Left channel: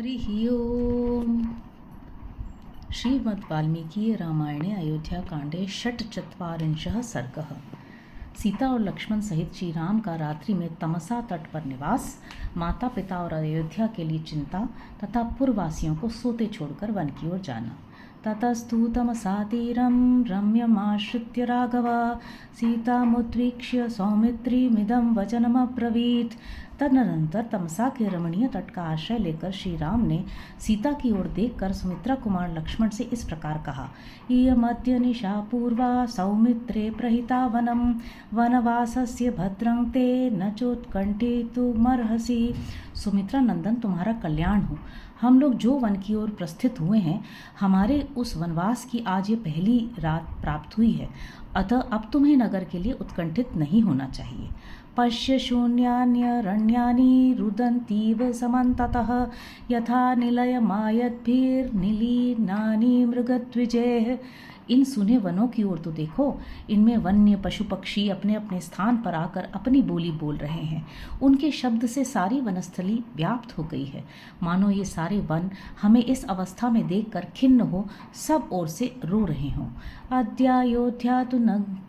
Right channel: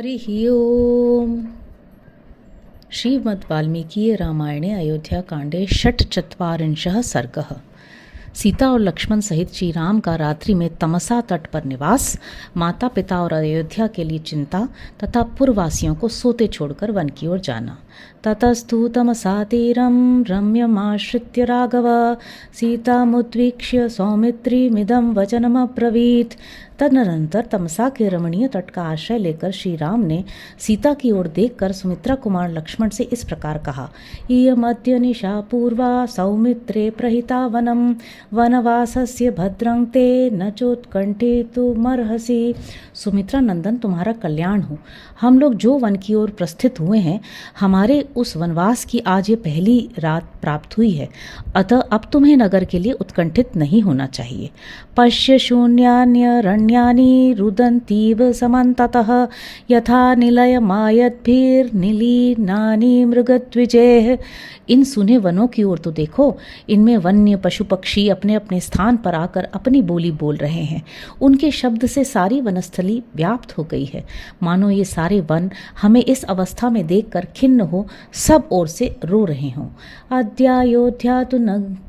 हरिः ओम्। श्रीमद्वाल्मीकीये रामायणे अयोध्याकाण्डे षट्चत्वारिंशः सर्गः। सीता और लक्ष्मण सहित श्री राम का रात्रि में तमसा तट पर निवास, माता पिता और अयोध्या के लिए चिंता तथा पुरवासियों को सोते छोड़कर वन की ओर जाना। ततस्तु तमसा तीरं रम्यमाश्रित्य राघव सीतामुद्वीक्ष्य सौमित्रीमिदं वचनमब्रवीत्। तदनंतर तमसा के रमणीय तट का आश्रय लेकर श्री राम ने सीता की ओर देखकर सुमित्रा कुमार लक्ष्मण से इस प्रकार कहा। इयमद्य निशा पूर्वा सौमित्रे प्रहिता वनम वनवासस्य भद्रं ते न चोत्कंठितुमर्हसि। सुमित्रा नंदन, तुम्हारा कल्याण हो। हम लोग जो वन की ओर प्रस्थित हुए हैं, हमारे उस वनवास की आज ये पहली रात प्राप्त हुई है, अतः अब तुम्हें नगर के लिए उत्कंठित नहीं होना चाहिए। पश्य शून्यान्यरण्यानि रुदन्तीव समन्ततः यथा निलयमायद्भिर्निलीनानि मृगद्विजैः। इन सुने वनों की ओर तो देखो, इनमें वन्य पशु पक्षी अपने अपने स्थान पर आकर अपनी बोली बोल रहे हैं। उनके शब्द से सारी वनस्थली व्याप्त हो गई है, मानो ये सारे वन हमें इस अवस्था में देखकर खिन्न हो सब ओर से रो रहे हों। अद्यायोध्या तु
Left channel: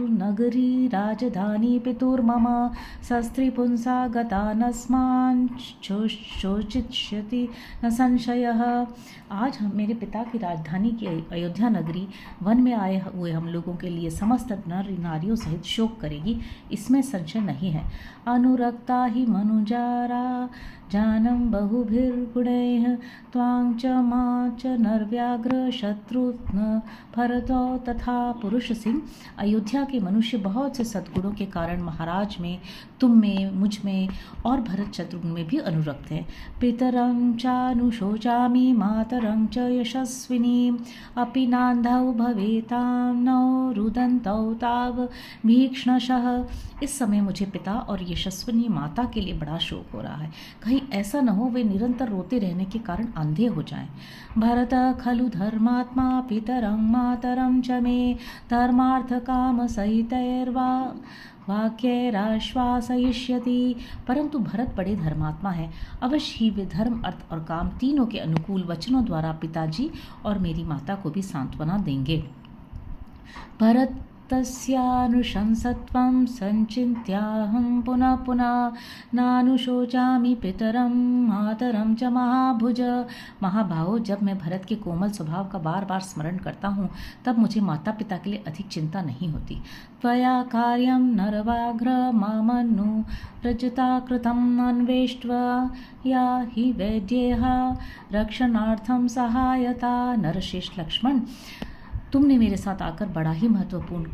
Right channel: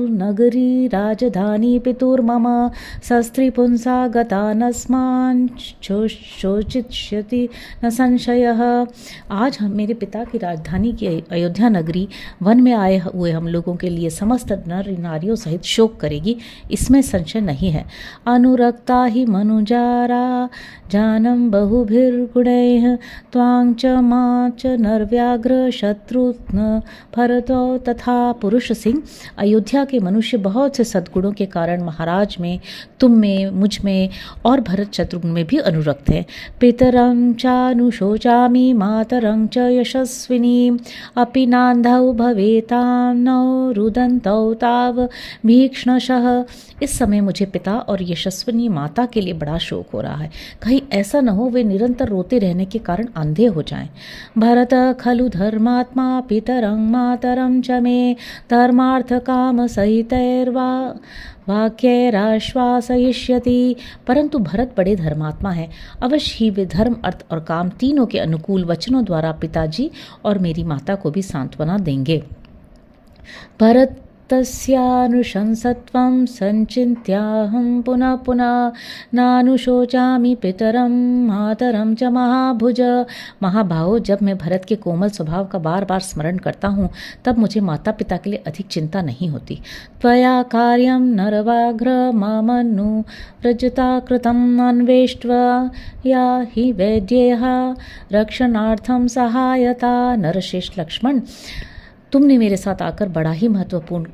नगरी राजधानी पितुर्मम शस्त्रिपुंसा गता नस्मान् शोचिष्यति न संशयः। आज मेरे पिता की राजधानी की अयोध्या नगरी वन में आए हुए हम लोगों के लिए समस्त नर नारियों सहित शोक करेगी, इसमें संशय नहीं है। अनुरक्ता ही मनुजारा जानम बहुभिर्गुणैः त्वां च मां च नरव्याघ्र शत्रुघ्न भरतो तथा। पुरुष सिंह, अयोध्या के मनुष्य बहुत से सद्गुणों के कारण महाराज में, तुम में, मुझ में और भरत शत्रुघ्न में भी अनुरक्त है। पितरं चानुशोचामि मातरं च यशस्विनी अपि नान्धौ भवेतां नौ रुदन्तौ ताव भीक्ष्णशः। इस समय मुझे पिता और यशस्विनी माता के लिए बड़ा शोक हो रहा है, कहीं ऐसा न हो वे निरंतर रोते रहने के कारण अंधे हो जाएं। भरत खलु धर्मात्मा पितरं मातरं च मे धर्मार्थ काम सहितैर्वा वाक्यैराश्वासयिष्यति। परंतु भरत बड़े धर्मात्मा है, अवश्य ही वे धर्म, अर्थ और काम तीनों के अनुकूल वचनों द्वारा पिताजी और मेरी माता को भी सांत्वना देंगे। भरत तस्यानुशंसत्वं संचिन्त्याहं पुनः पुनः नानुशोचामि पितरं मातरं च महाभुज। महाभाव, जब मैं भरत के कोमल स्वभाव का बार बार स्मरण करता हूँ, तब मुझे माता पिता के लिए अधिक चिंता नहीं होती। त्वया कार्यं नरव्याघ्र मामनु व्रजता कृतम् अन्वेष्ट्वा या हि वैद्येह रक्षणार्थं सहायता। नरश्रेष्ठ लक्ष्मण, तुमने मेरे साथ आकर बड़ा ही महत्वपूर्ण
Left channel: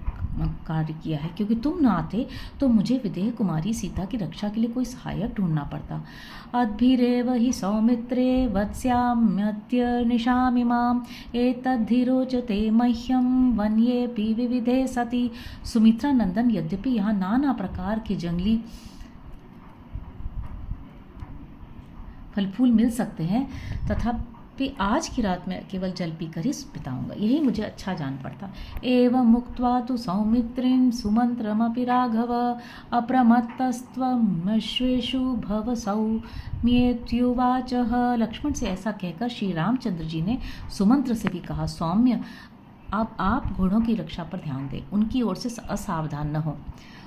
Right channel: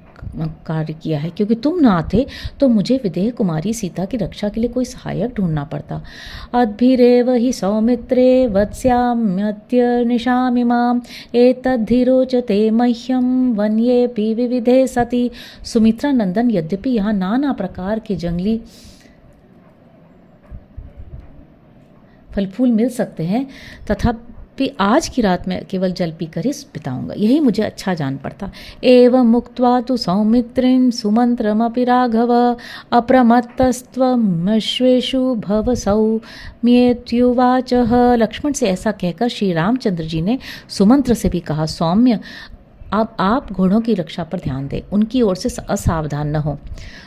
कार्य किया है, क्योंकि तुम न आते तो मुझे विदेह कुमारी सीता की रक्षा के लिए कोई सहायक ढूंढना पड़ता। अद्भिरेव हि सौमित्रे वत्स्याम्यद्य निशामिमाम् एतद्धीरोचते मह्यं वन्येऽपि विविधे सति। सुमित्रा नंदन, यद्यपि यहाँ नाना प्रकार के जंगली फल फूल मिल सकते हैं, तथा आज की रात में केवल जल पीकर ही बिताऊंगा, यही मुझे अच्छा जान पड़ता। एवं मुक्त्वा तु सौमित्रीं सुमंत्रमपि राघव अप्रमत्तस्त्वमश्वेषु भव सौम्येत्युवाचः। लक्ष्मण से ऐसा कहकर श्री रामचंद्र जी ने सुमंत्र से भी कहा, सौम्य, अब आप घोड़ों की रक्षा पर ध्यान दें, उनकी ओर से असावधान न हो।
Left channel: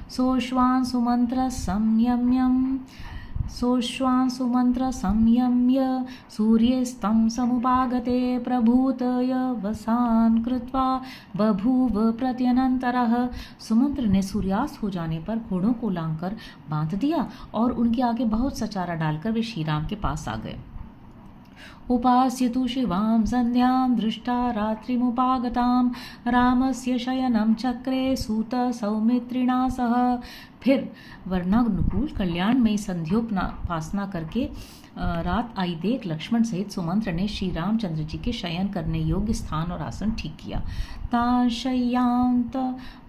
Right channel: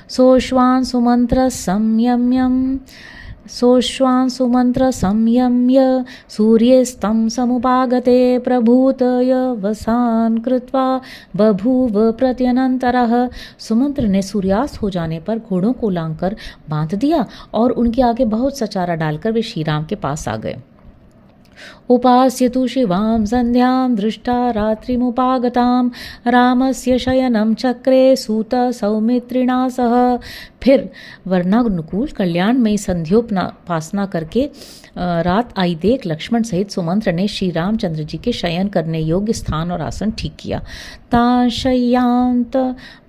सोश्वान सुमंत्र संयम्य सूर्यस्तं समुपागते प्रभूतय वसान कृत्वा बभूव प्रत्यनंतरः। सुमंत्र ने सूर्यास्त हो जाने पर घोड़ों को लांघकर बांध दिया और उनके आगे बहुत सा चारा डालकर वे श्री राम के पास आ गए। उपास्य तु शिवां संध्यां दृष्टा रात्रिमुपागतां रामस्य शयनं चक्रे सूत सौमित्रिणा सह। फिर वर्णानुकूल कल्याणमयी संध्योपासना करके रात आई देख लक्ष्मण सहित सुमंत्र ने श्री रामचंद्र जी के शयन करने योग्य स्थान और आसन ठीक किया। ताशय्यांत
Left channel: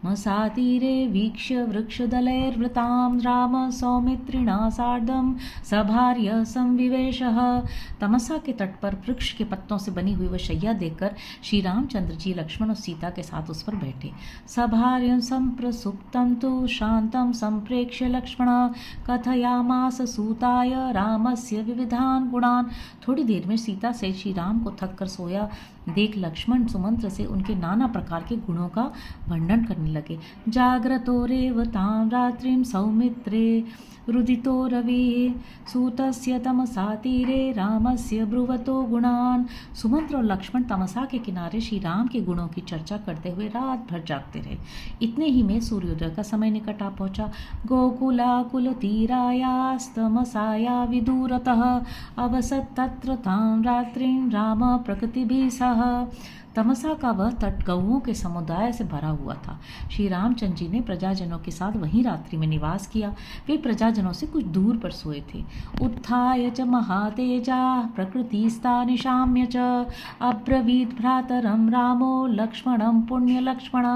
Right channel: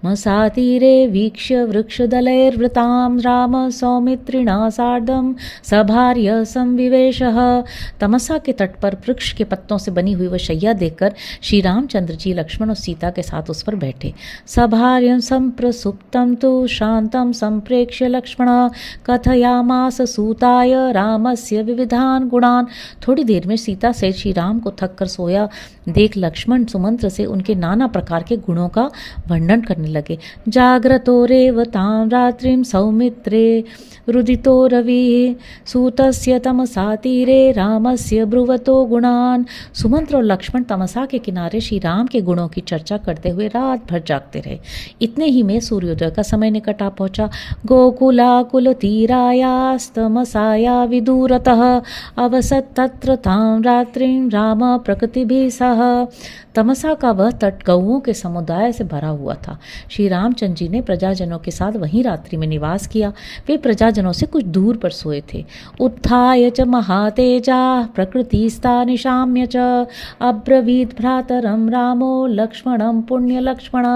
मसातीरे वीक्ष्य वृक्षदलैर्वृतां राम सौमित्रिणा सार्धं सभार्य संविवेशः। तमसा के तट पर वृक्ष के पत्तों से बनी हुई वह शैया देखकर श्री रामचंद्र जी लक्ष्मण और सीता के साथ उस पर बैठे। सभार्यं संप्रसुप्तं तु शांतं संप्रेक्ष्य लक्ष्मण कथयामास सूताय रामस्य विविधान गुणान। थोड़ी देर में सीता से श्री राम को थक कर सोया देख लक्ष्मण सुमंत्र से उनके नाना प्रकार के गुणों का वर्णन करने लगे। जाग्रतो रेवतां रात्रिं सौमित्रे रुदितो रवि सूतस्य तमसा तीरे रामस्य ब्रुवतो गुणान। सुमंत्र और लक्ष्मण तमसा के किनारे श्री राम के गुणों की चर्चा करते हुए रात भर जागते रहे। इतने ही में सूर्योदय का समय निकट आ पहुंचा। गोकुलाकुल तीरायास्तमसाया विदूरतः अवसत तत्र तां रात्रिं राम प्रकृतिभिः सह। तमसा का वह तट गौओं के समुदाय से भरा हुआ था। श्री रामचंद्र जी ने प्रजाजनों के साथ वहीं रात्रि में निवास किया। वे प्रजाजनों से कुछ दूर पर सोए थे। उत्थाय च महातेजा प्रकृतिस्ता निशाम्य च अब्रवीत भ्रातरम रामो लक्ष्मणम पुण्य लक्ष्मण।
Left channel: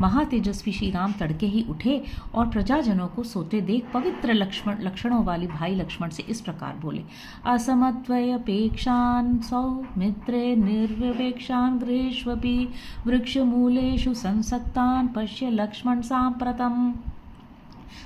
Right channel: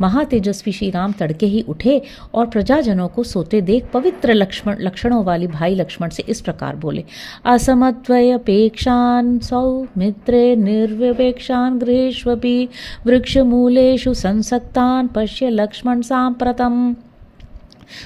महातेजस्वी श्री राम तड़के ही उठे और प्रजाजनों को सोते देख पवित्र लक्षणों वाली भाई लक्ष्मण से इस प्रकार बोले। असमत्वयपेक्षान् सौमित्रे निर्विवेक्षान् गृहेष्वपि वृक्षमूलेषु संसक्तान् पश्य लक्ष्मण सांप्रतम्।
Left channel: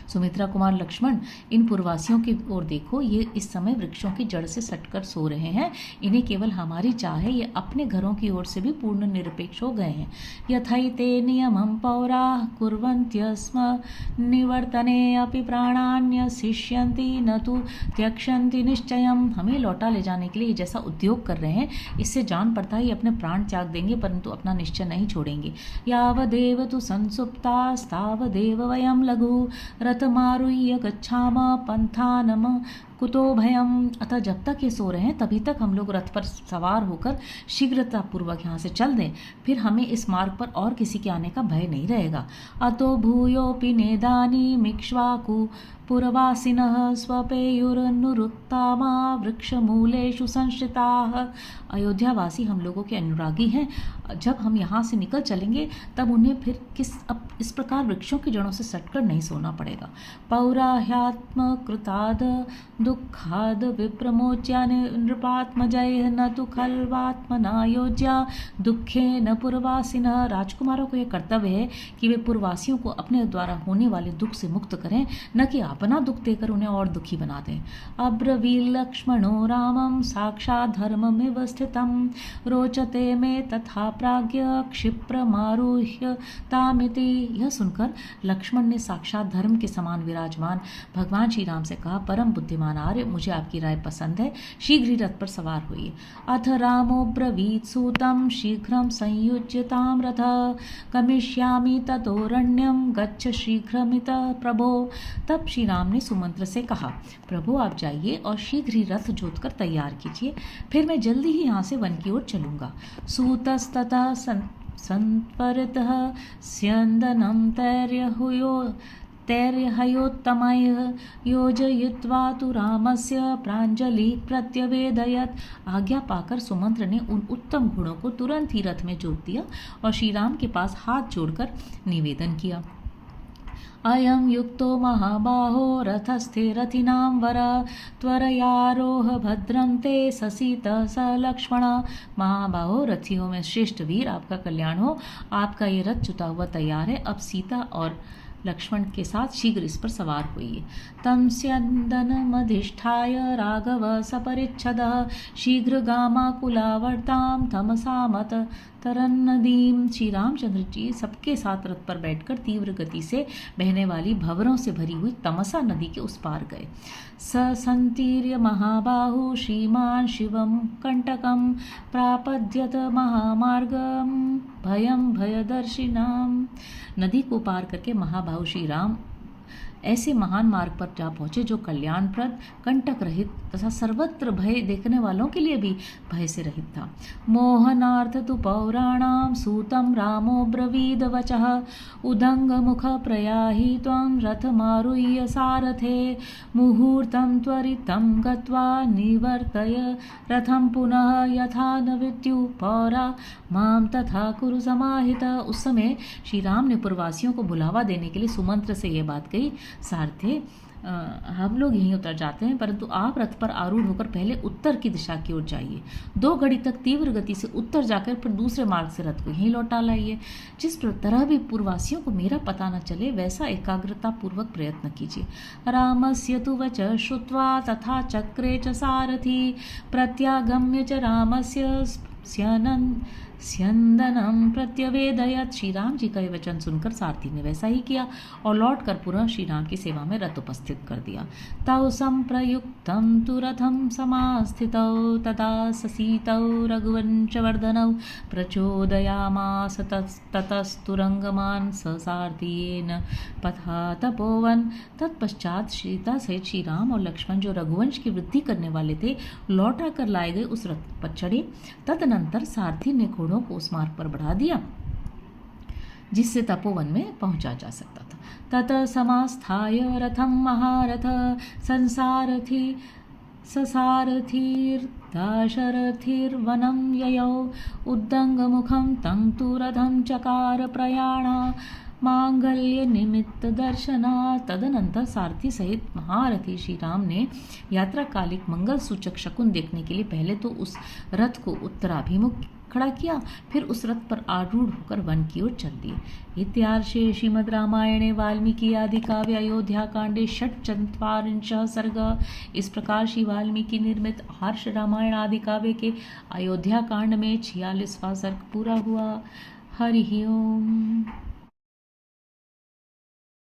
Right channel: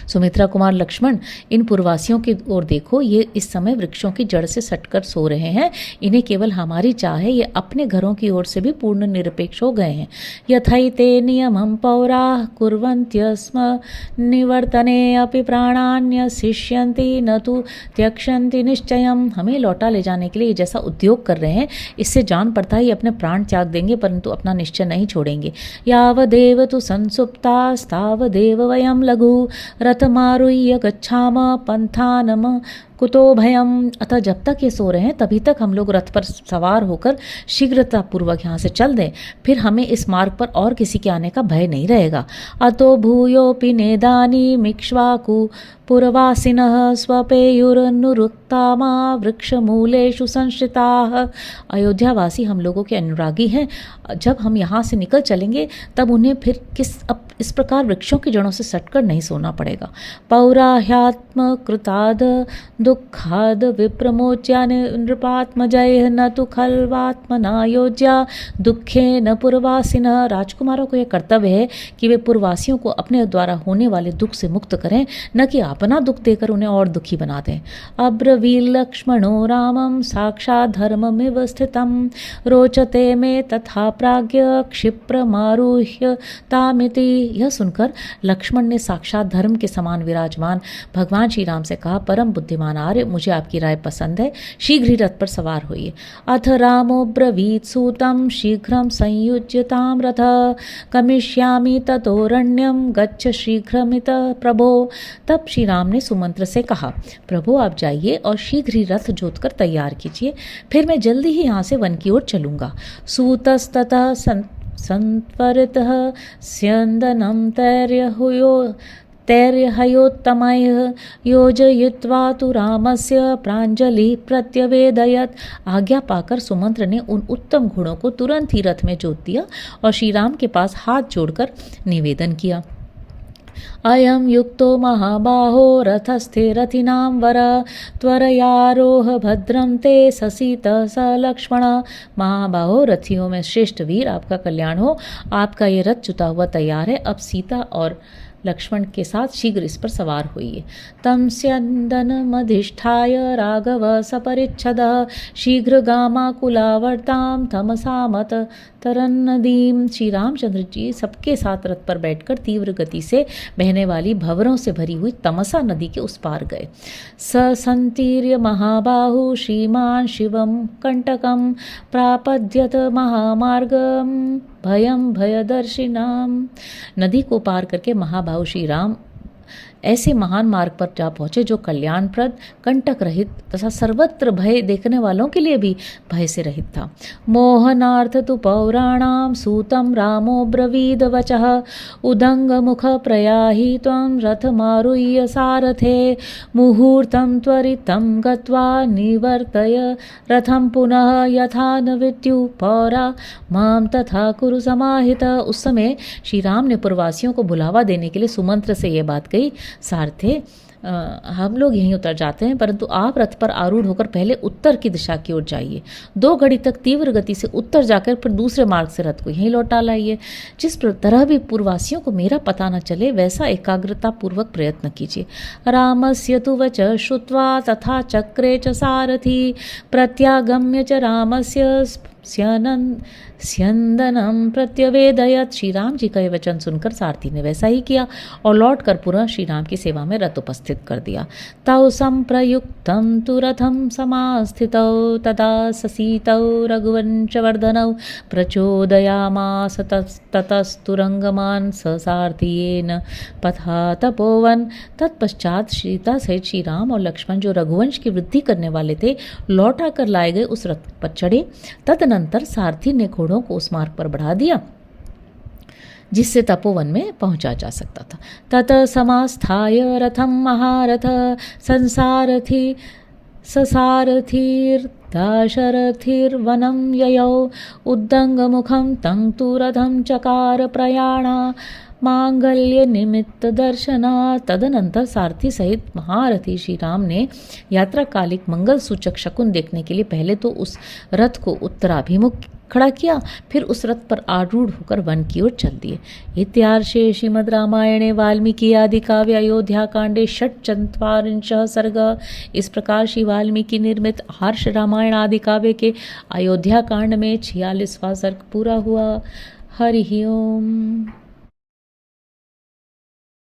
सुमित्रा कुमार लक्ष्मण, इन पुरवासियों की ओर देखो, ये इस समय वृक्षों की जड़ से सटकर सो रहे हैं। इन्हें केवल हमारी चाह है, ये अपने घरों की ओर से भी पूर्ण निरपेक्ष हो गए हैं। यथैते नियमं पौराः कुर्वन्त्यस्म निवर्तने अपि प्राणान्य शिष्यन्ति न तु त्यक्षन्ति निश्चयम्। हमें लौटा ले जाने के लिए जैसा उद्योग कर रहे हैं, इससे जान पड़ता है ये अपने प्राण त्याग देंगे, परंतु अपना निश्चय नहीं छोड़ेंगे। यावदेव तु संसुप्तास्तावदेव वयं लघु रथमारुह्य गच्छाम पंथानम कुतो भयम। अतः जब तक ये सो रहे हैं तभी तक हम लोग रथ पर सवार होकर शीघ्रतापूर्वक यहाँ से चल दें, फिर हमें इस मार्ग पर और किसी के आने का भय नहीं रहेगा। अतो भूयोपि नेदानी मिक्ष्वाकु पुरवासिनः स्वपेयुरनुरुक्तामा वृक्षमूलेषु संश्रिताः। अयोध्यावासी हम लोगों के अनुरागी हैं। जब हम यहाँ से निकल चलेंगे तब उन्हें फिर इस प्रकार वृक्षों की जड़ों से सटकर नहीं सोना पड़ेगा। पौराह्यात्म कृताद दुःखाद विप्रमोच्या नृपात्मजय न तु खल्वात्मना योज्या दुखे न पुरवासिनः। राजकुमारों को यह कर्तव्य है कि वे पुरवासियों को अपने द्वारा होने वाले दुख से मुक्त करें, न कि अपना दुख देकर उन्हें और दुखी बना दें। अब्रवील लक्ष्मणो रामं साक्षात् धर्ममिव स्थितं रोचते में तथा प्राज्ञ क्षिप्रमारुह्य तामिति। यह सुनकर लक्ष्मण ने साक्षात धर्म के समान विराजमान भगवान श्री राम से कहा, परम बुद्धिमान आर्य, मुझे आपकी राय पसंद है, शीघ्र ही रथ पर सवार होइए। अथ रामो ब्रवीत सूतं शीघ्रं संयुज्यतां रथ कमिष्यामि ततोरण्यं गच्छ शीघ्रमित प्रभो। तब श्री राम ने सुमंत्र से कहा, प्रभु आप जाइए और शीघ्र ही रथ जोतकर तैयार कीजिए, फिर मैं जल्दी ही यहाँ से वन की ओर चलूँगा। सूतस्ततः संत्वरितः स्यन्दनं तैर्हयोत्तमैः योजयित्वा तु रामस्य प्राञ्जलि प्रत्यवेदयत्। आज्ञा पाकर सुमंत्र ने उन उत्तम घोड़ों को तुरंत ही रथ में जोत दिया और श्री राम के पास हाथ जोड़कर निवेदन किया। अयं युक्तो महाबाहो रथस्थे रथिनां वर त्वरयारोह भद्रं ते ससीत स लक्ष्मण। महाबाहो, रथियों में श्रेष्ठ वीर, आपका कल्याण हो। आपका ये रथ जुता हुआ तैयार है, अब सीता और लक्ष्मण के साथ शीघ्र इस पर सवार होइए। तम स्यन्दनमधिष्ठाय राघव सपरिच्छदः शीघ्रगामाकुलावर्तां तमसामत तरन्नदीम। श्री रामचंद्र जी सबके साथ रथ पर बैठकर तीव्र गति से बहने वाली भंवरों से भरी हुई तमसा नदी के उस पार गए। स संतीर्य महाबाहु श्रीमान शिवम कंटकम प्रापद्यत महामार्गम भयम भयदर्शिनाम। नदी को पार करके महाबाहु श्री राम ऐसे महान मार्ग पर जा पहुँचे जो कल्याणप्रद, कंटक रहित तथा सर्वत्र भय देखने वालों के लिए भी भय से रहित था। मोहनार्थ तु पौराणाम सूतम रामो ब्रवीद वचः उदंग मुख प्रयाहि त्वं रथमारुह्य सारथे मुहूर्तं त्वरितं गत्वा निवर्तय रथं पुनः यथा न विद्युः पौरा माम तथा कुरु समाहित। उस समय श्री राम ने पुरवासियों को बुलावा देने के लिए सुमंत्र से यह बात कही, सारथे हम लोग यहीं उतर जाते हैं, परंतु आप रथ पर आरूढ़ होकर पहले उत्तर की दिशा की ओर जाइए। 2 घड़ी तक तीव्र गति से उत्तर जाकर फिर दूसरे मार्ग से रथ को यहीं लौटा लाइए। जिस तरह भी पूर्ववासियों को मेरा पता न चले वैसा एकाग्रता पूर्वक प्रयत्न कीजिए। रामस्य तु वच श्रुत्वा तथा चक्रे च सारथी प्रत्यागम्य च रामस्य स्यंदनम प्रत्यवेदयत। श्री राम जी का यह वचन सुनकर सारथी ने वैसा ही किया और लौट कर पुनः श्री राम की सेवा में रथ उपस्थित कर दिया। तौ संप्रयुक्तं तु रथं समास्थितौ तदा ससीतौ रघुवंशवर्धनौ प्रचोदयामास ततस्तुरंगमान ससारथियेन पथा तपोवन। तत्पश्चात सीता सहित श्री राम और लक्ष्मण जो रघुवंश की वृद्धि करने वाले थे लौटा कर लाए गए उस रथ पर चढ़े। तदनंतर सारथी ने घोड़ों को उस मार्ग पर बढ़ा दिया जिससे तपोवन में पहुंचा जा सकता था। तत समास्थाय रथम महारथ संसारथी ससारथिर्दाशरथिर्वनं ययौ उद्दंगमुखं तं तु रथं चकार प्रयाणा मांगल्य निमित्त दर्शना। तदनंतर सारथी सहित महारथी श्री राम ने यात्राकालिक मंगल सूचक शकुन देखने के लिए पहले तो उस रथ को उत्तराभिमुख खड़ा किया, फिर उस रथ पर आरूढ़ होकर वन की ओर चल दिए। इत्यार्षे श्रीमद् रामायणे वाल्मीकि आदि काव्य अयोध्या कांडे 4 सर्ग। इस प्रकार श्री वाल्मीकि निर्मित हर्ष रामायण आदि काव्य के अयोध्या कांड में 46वां सर्ग पूरा हुआ। हरि ओम।